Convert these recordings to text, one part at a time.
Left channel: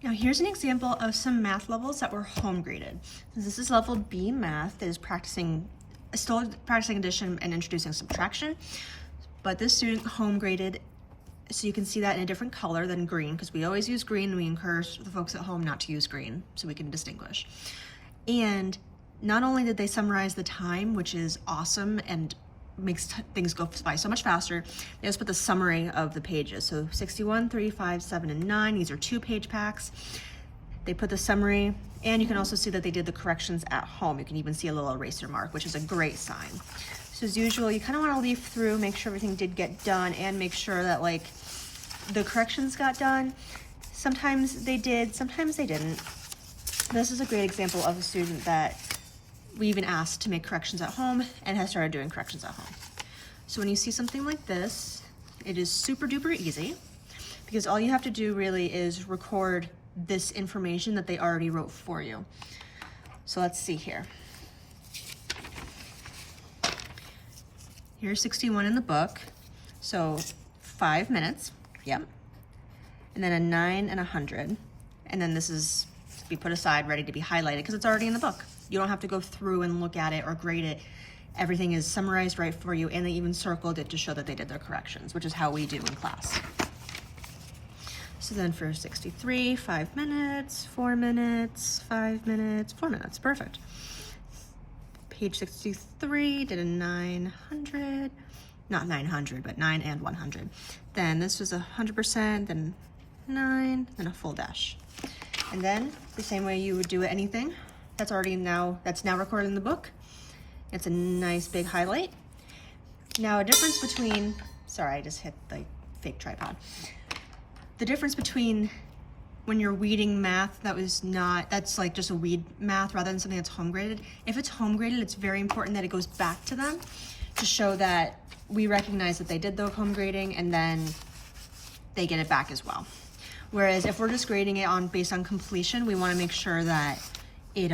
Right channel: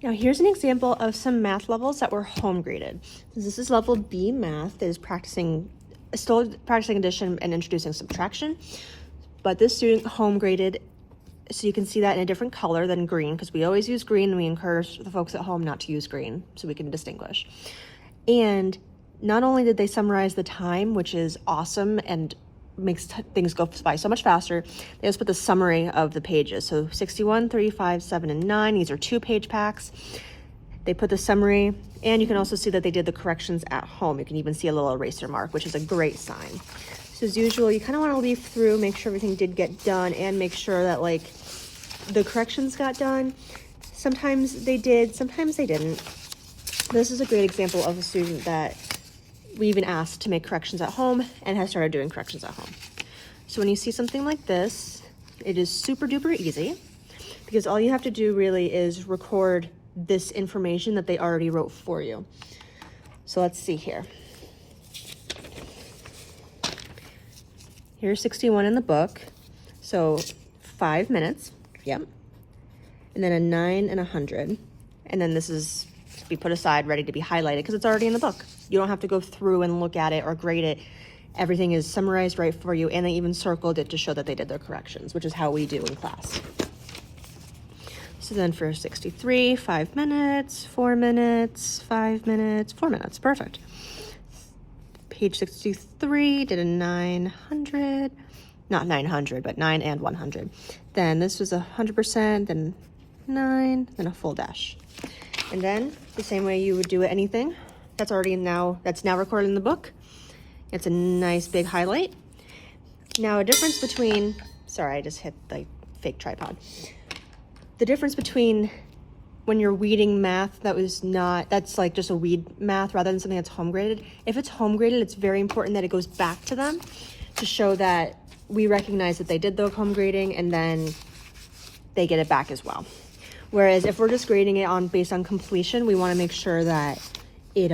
Now here's an example of some math levels that were home graded. This is level B math that is still practicing addition and introducing subtraction, but this student home graded, so you can see that in a different color than green, because we always use green and we encourage the folks at home not to use green so we can distinguish. And not only did they summarize the time, which is awesome and makes things go by so much faster, they also put the summary of the pages. So 61, 35, 7, and 9, these are 2-page packs. They put the summary, and you can also see that they did the corrections at home. You can even see a little eraser mark, which is a great sign. So as usual, you kind of want to leaf through, make sure everything did get done, and make sure that like the corrections got done. Sometimes they did, sometimes they didn't. This is a great example of a student that we even asked to make corrections at home and has started doing corrections at home. So when you see something like this, it is super duper easy, because all you have to do really is record this information that they already wrote for you. So let's see here. Here's 61 in the book. So 5 minutes, yep. And then a 9 and 100. And then this is to be put aside, ready to be highlighted, because it's already in the book. You don't have to go through and look at it or grade it. Everything is summarized right for you, and they even circled it to show that they did their corrections, which is how we do in class. So then for 63, 5 minutes, 4 minutes, 5 minutes, 4 minutes, perfect. Page 63 did a 900, not 900, but 9 and 100. Then this was 100%, then 9, then a full dash. And then the same way you would do it, anything that's now recorded in the book. It's a nice big highlight. Now a difference between, sorry, I just hit the fake tripod. The difference between when you're weeding math that's like just a weed math rather than something that's home graded. If it's home graded, it's very important that it goes back to them to show that we recognize that they did the home grading, and then they get it back as well. Whereas if we're just grading it based on completion, we want to make sure that it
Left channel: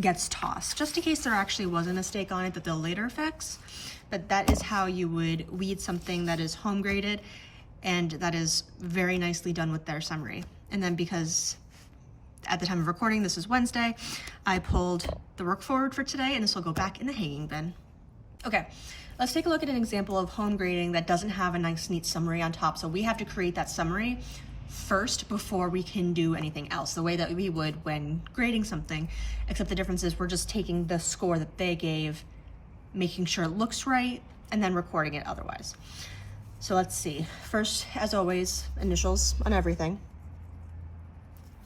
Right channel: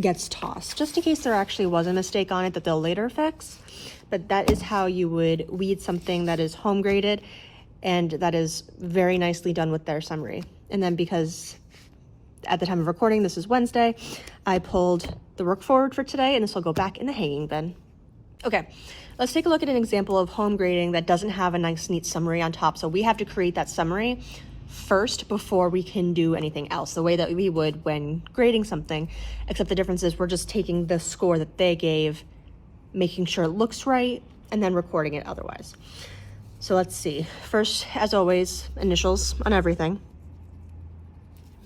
gets tossed, just in case there actually was a mistake on it that they'll later fix. But that is how you would weed something that is home graded and that is very nicely done with their summary. And then because at the time of recording, this is Wednesday, I pulled the work forward for today, and this will go back in the hanging bin. Okay, let's take a look at an example of home grading that doesn't have a nice neat summary on top. So we have to create that summary first before we can do anything else, the way that we would when grading something, except the difference is we're just taking the score that they gave, making sure it looks right, and then recording it otherwise. So let's see. First, as always, initials on everything.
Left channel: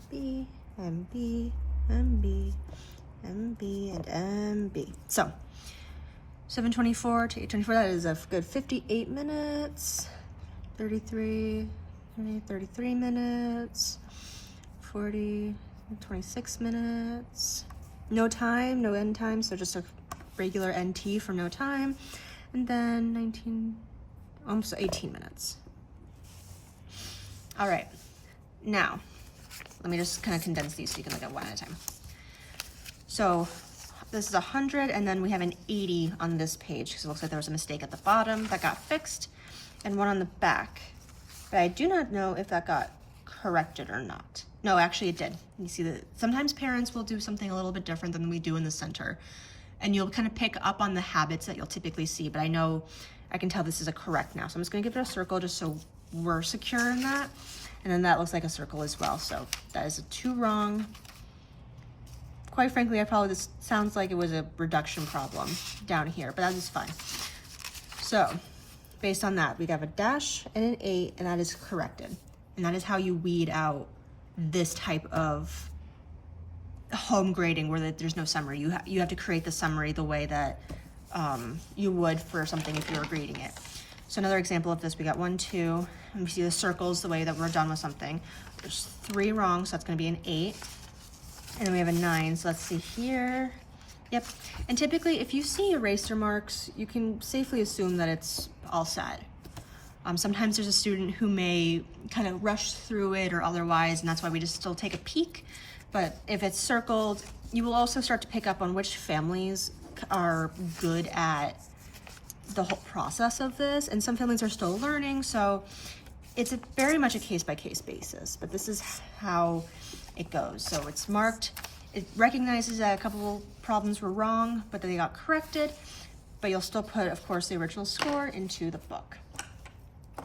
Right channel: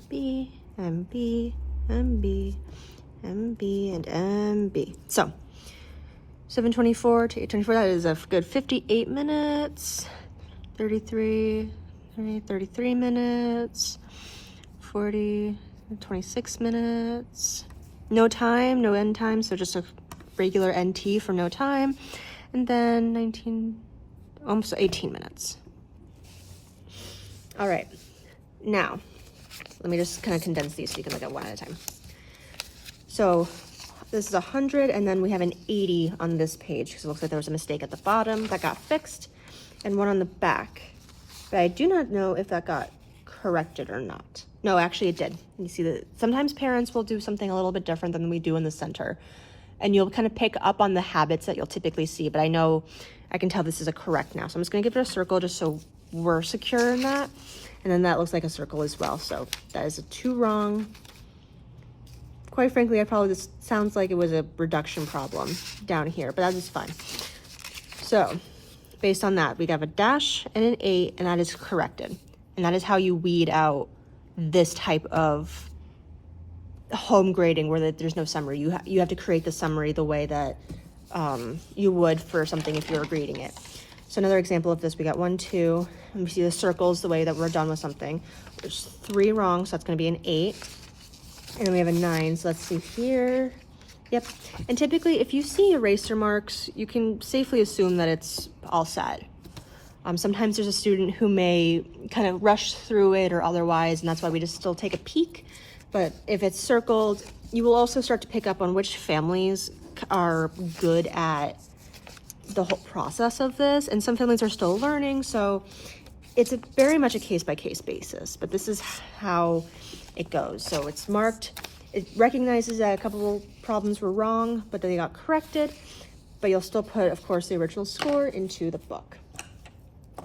B, MB, MB, MB, and MB. So 7:24 to 8:24, that is a good 58 minutes. 33 minutes. 40, 26 minutes. No time, no end time, so just a regular NT for no time. And then 19, almost 18 minutes. All right, now, let me just kind of condense these so you can look at one at a time. So this is 100, and then we have an 80 on this page, because it looks like there was a mistake at the bottom that got fixed, and one on the back. But I do not know if that got corrected or not. No, actually it did. You see that sometimes parents will do something a little bit different than we do in the center, and you'll kind of pick up on the habits that you'll typically see, but I know I can tell this is a correct now. So I'm just gonna give it a circle just so we're secure in that. And then that looks like a circle as well. So that is a 2 wrong. Quite frankly, this sounds like it was a reduction problem down here, but that is fine. So based on that, we have a dash and an 8, and that is corrected. And that is how you weed out this type of home grading where there's no summary. You have to create the summary the way that you would for something if you were grading it. So another example of this, we got 1, 2, and we see the circles the way that we're done with something. There's 3 wrong, so that's gonna be an 8. And then we have a 9, so let's see here. Yep, and typically if you see eraser marks, you can safely assume that it's all set. Sometimes there's a student who may kind of rush through it or otherwise, and that's why we just still take a peek. But if it's circled, you will also start to pick up on which families are good at the whole process of this, and some families are still learning. So it's very much a case-by-case basis, but this is how it goes. So it's marked, it recognizes that a couple problems were wrong, but they got corrected, but you'll still put, of course, the original score into the book.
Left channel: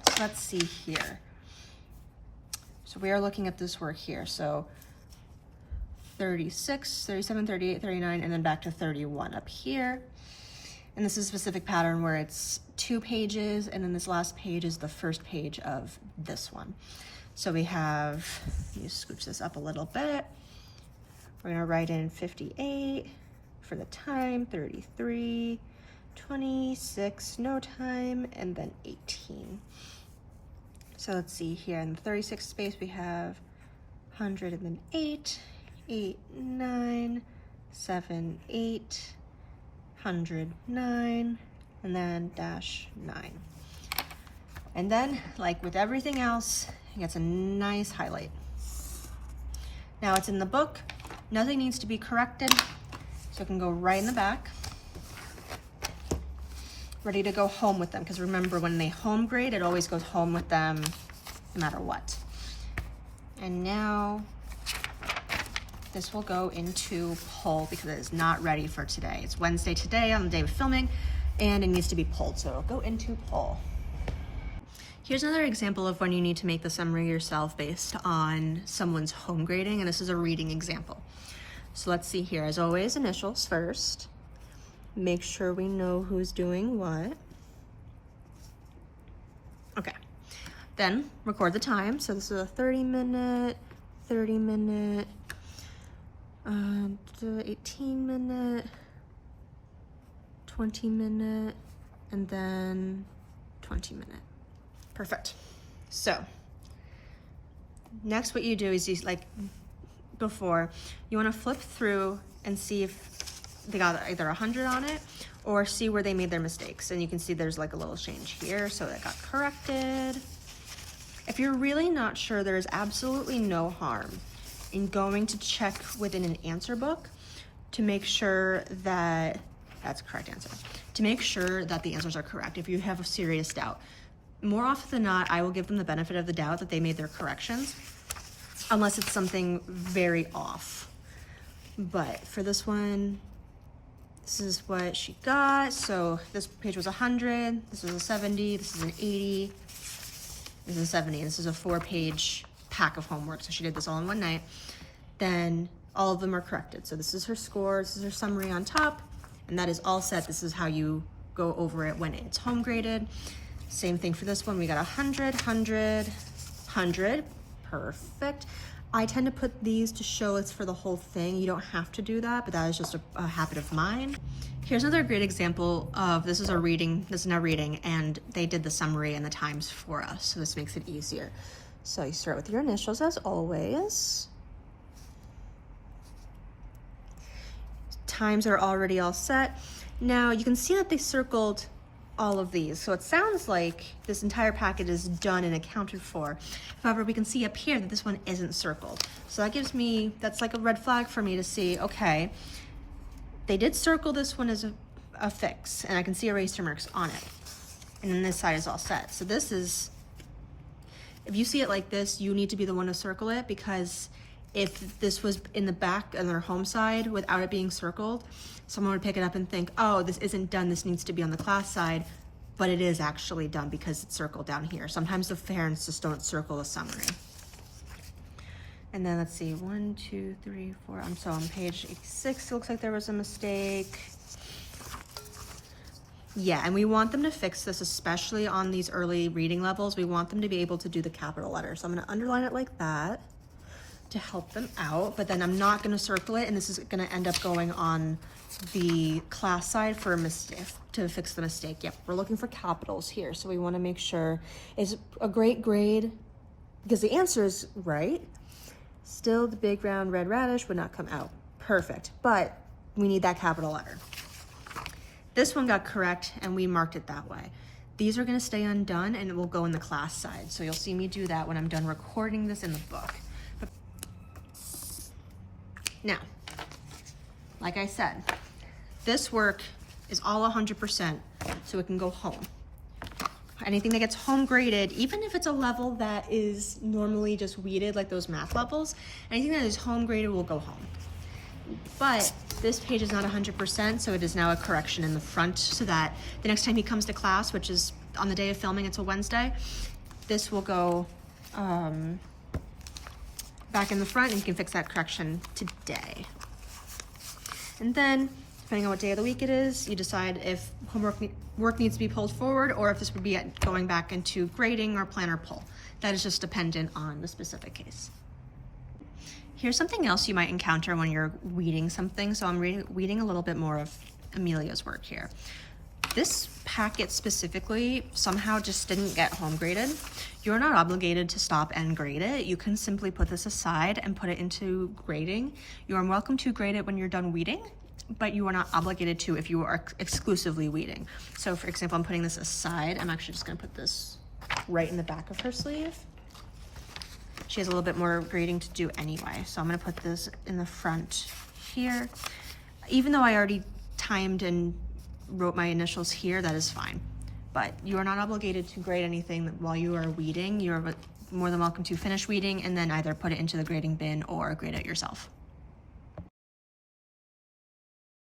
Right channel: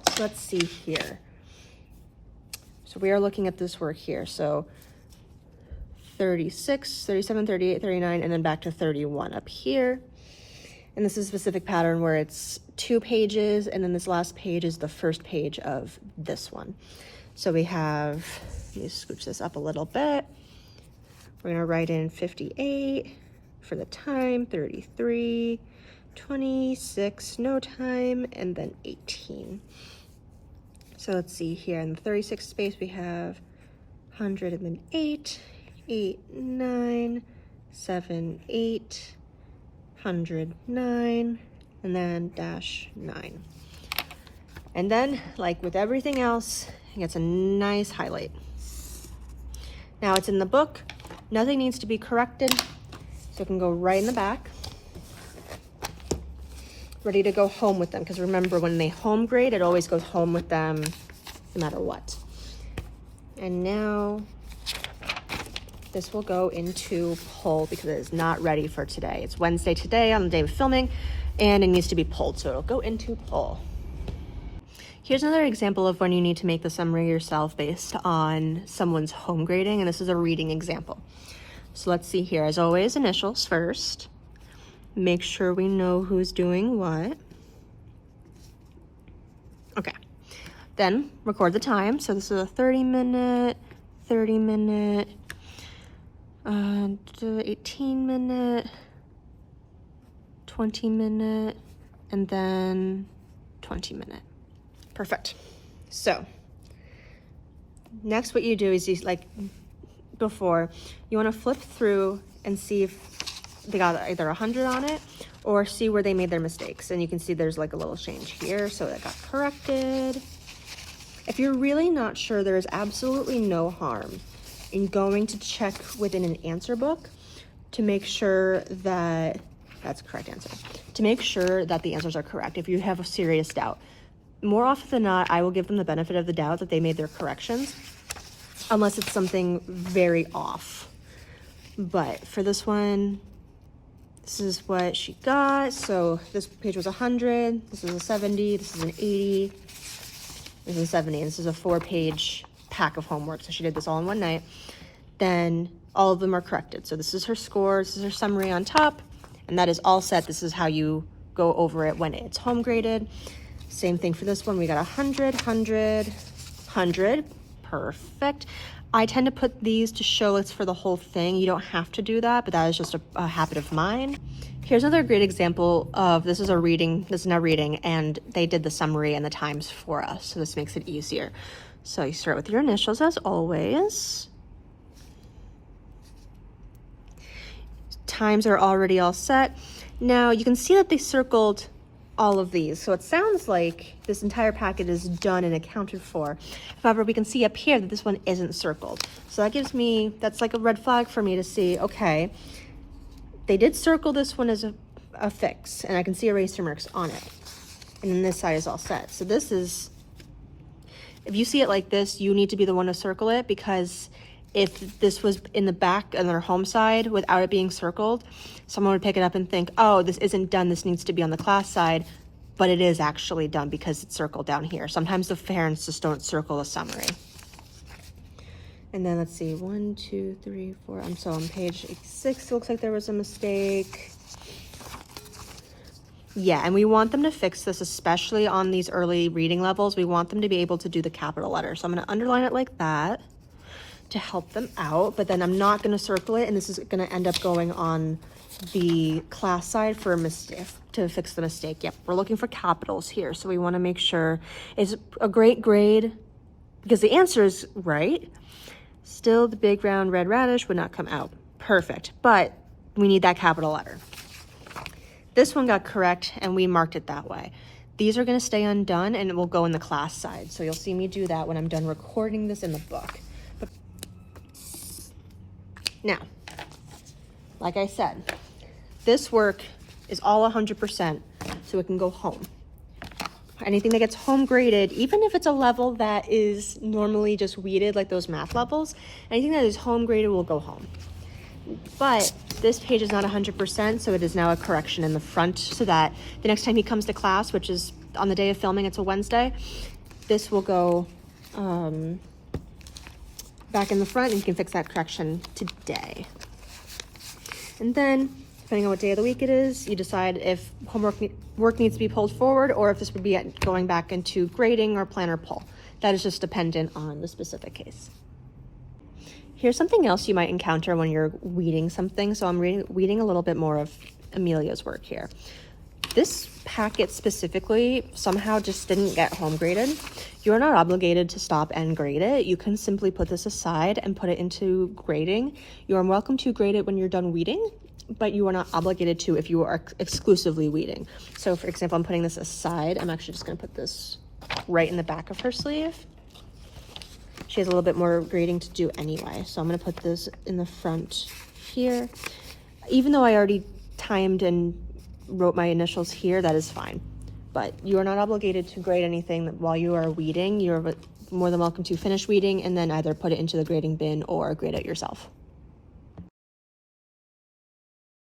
So let's see here. So we are looking at this work here. So 36, 37, 38, 39, and then back to 31 up here. And this is a specific pattern where it's 2 pages, and then this last page is the first page of this one. So we have, let me scooch this up a little bit. We're gonna write in 58 for the time, 33, 26, no time, and then 18. So let's see here, in the 36 space we have 100 and then 8, 8, 9, 7, 8, 109, and then dash 9. And then, like with everything else, it gets a nice highlight. Now it's in the book, nothing needs to be corrected, so it can go right in the back. Ready to go home with them, because remember, when they home grade, it always goes home with them no matter what. And now this will go into pull because it is not ready for today. It's Wednesday today on the day of filming, and it needs to be pulled, so it'll go into pull. Here's another example of when you need to make the summary yourself based on someone's home grading, and this is a reading example. So let's see here, as always, initials first. Make sure we know who's doing what. Okay, then record the time. So this is a 30-minute, 30-minute, 18-minute, 20-minute, and then 20-minute. Perfect. So next what you do is, you, like before, you want to flip through and see if they got either 100 on it or see where they made their mistakes. And you can see there's like a little change here, so it got corrected. If you're really not sure, there is absolutely no harm in going to check within an answer book to make sure that that's the correct answer, to make sure that the answers are correct. If you have a serious doubt, more often than not, I will give them the benefit of the doubt that they made their corrections, unless it's something very off. But for this one, this is what she got. So this page was 100, this is a 70, this is an 80, this is a 70, and this is a 4-page pack of homework. So she did this all in one night. Then all of them are corrected. So this is her score, this is her summary on top, and that is all set. This is how you go over it when it's home graded. Same thing for this one. We got 100, 100, 100, perfect. I tend to put these to show it's for the whole thing. You don't have to do that, but that is just a habit of mine. Here's another great example of, this is a reading, this is now reading, and they did the summary and the times for us, so this makes it easier. So you start with your initials as always. Times are already all set. Now you can see that they circled all of these. So it sounds like this entire packet is done and accounted for. However, we can see up here that this one isn't circled. So that gives me, that's like a red flag for me to see, okay, they did circle this one as a fix, and I can see eraser marks on it. And then this side is all set. So this is, if you see it like this, you need to be the one to circle it, because if this was in the back on their home side without it being circled, someone would pick it up and think, oh, this isn't done, this needs to be on the class side, but it is actually done because it's circled down here. Sometimes the parents just don't circle a summary. And then let's see, 1, 2, 3, 4, I'm so on page 6, it looks like there was a mistake. Yeah, and we want them to fix this, especially on these early reading levels. We want them to be able to do the capital letters. So I'm gonna underline it like that to help them out, but then I'm not gonna circle it, and this is gonna end up going on the class side for a mistake, to fix the mistake. Yep, we're looking for capitals here, so we wanna make sure it's a great grade because the answer is right. Still, the big round red radish would not come out. Perfect, but we need that capital letter. This one got correct, and we marked it that way. These are gonna stay undone, and it will go in the class side, so you'll see me do that when I'm done recording this in the book. Now, like I said, this work is all 100%, so it can go home. anything that gets home graded, even if it's a level that is normally just weeded, like those math levels, anything that is home graded will go home. But this page is not 100%, so it is now a correction in the front so that the next time he comes to class, which is on the day of filming, it's a Wednesday, this will go back in the front and you can fix that correction today. And then, depending on what day of the week it is, you decide if work needs to be pulled forward or if this would be going back into grading or planner pull. That is just dependent on the specific case. Here's something else you might encounter when you're weeding something. So I'm weeding a little bit more of Amelia's work here. This packet specifically somehow just didn't get home graded. You're not obligated to stop and grade it. You can simply put this aside and put it into grading. You are welcome to grade it when you're done weeding, but you are not obligated to if you are exclusively weeding. So for example, I'm putting this aside. I'm actually just gonna put this right in the back of her sleeve. She has a little bit more grading to do anyway. So I'm gonna put this in the front here. Even though I already timed and wrote my initials here, that is fine. But you are not obligated to grade anything while you are weeding. You're more than welcome to finish weeding and then either put it into the grading bin or grade it yourself.